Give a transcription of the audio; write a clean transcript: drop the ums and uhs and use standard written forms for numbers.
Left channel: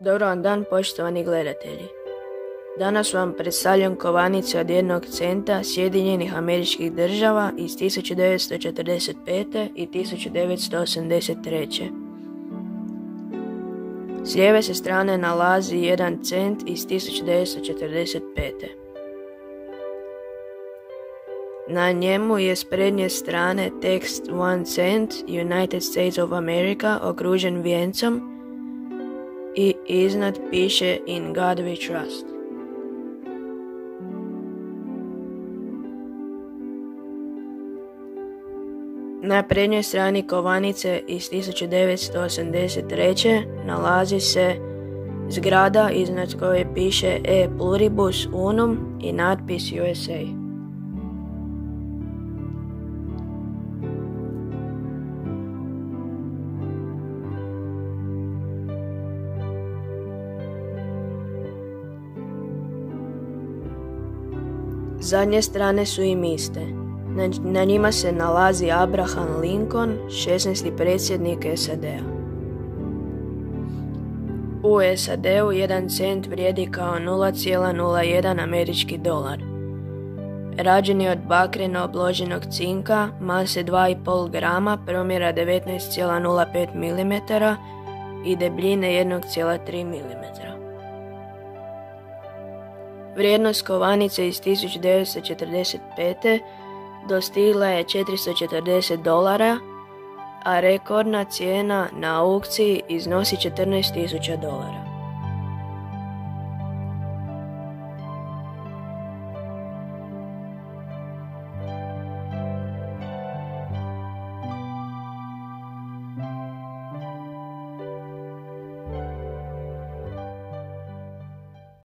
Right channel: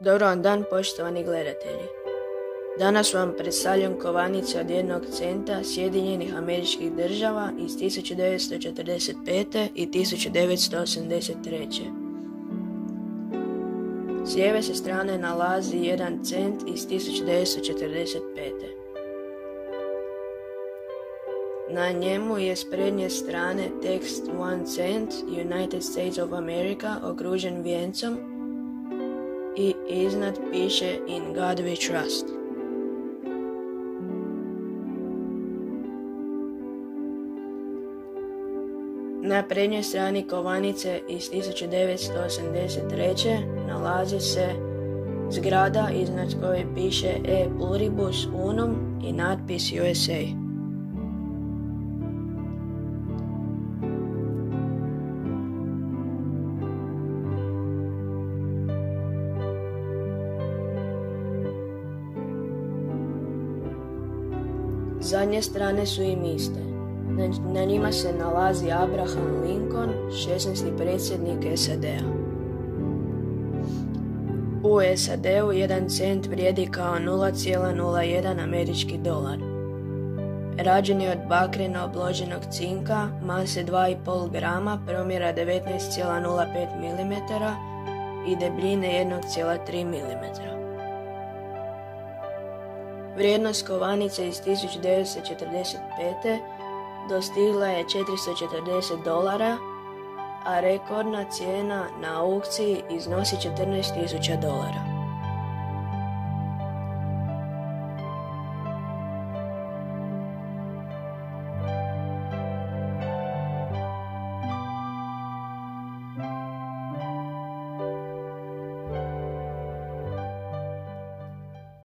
Dobar vam dan, poštovani gledatelji. Danas vam predstavljam kovanice od 1 centa Sjedinjenih Američkih Država iz 1945. i 1983. S lijeve se strane nalazi 1 cent iz 1945. Na njemu je s prednje strane tekst 1 cent United States of America okružen vijencom i iznad piše In God We Trust. Na prednjoj strani kovanice iz 1983. nalazi se zgrada iznad koje piše E Pluribus Unum i natpis USA. Zadnje strane su im iste. Na njima se nalazi Abraham Lincoln, 16. predsjednik SAD-a. U SAD-u 1 cent vrijedi kao 0,01 američki dolar. Rađen je od bakreno obloženog cinka, mase 2,5 grama, promjera 19,05 mm i debljine 1,3 mm. Vrijednost kovanice iz 1945. dostigla je $440, a rekordna cijena na aukciji iznosi $14.000.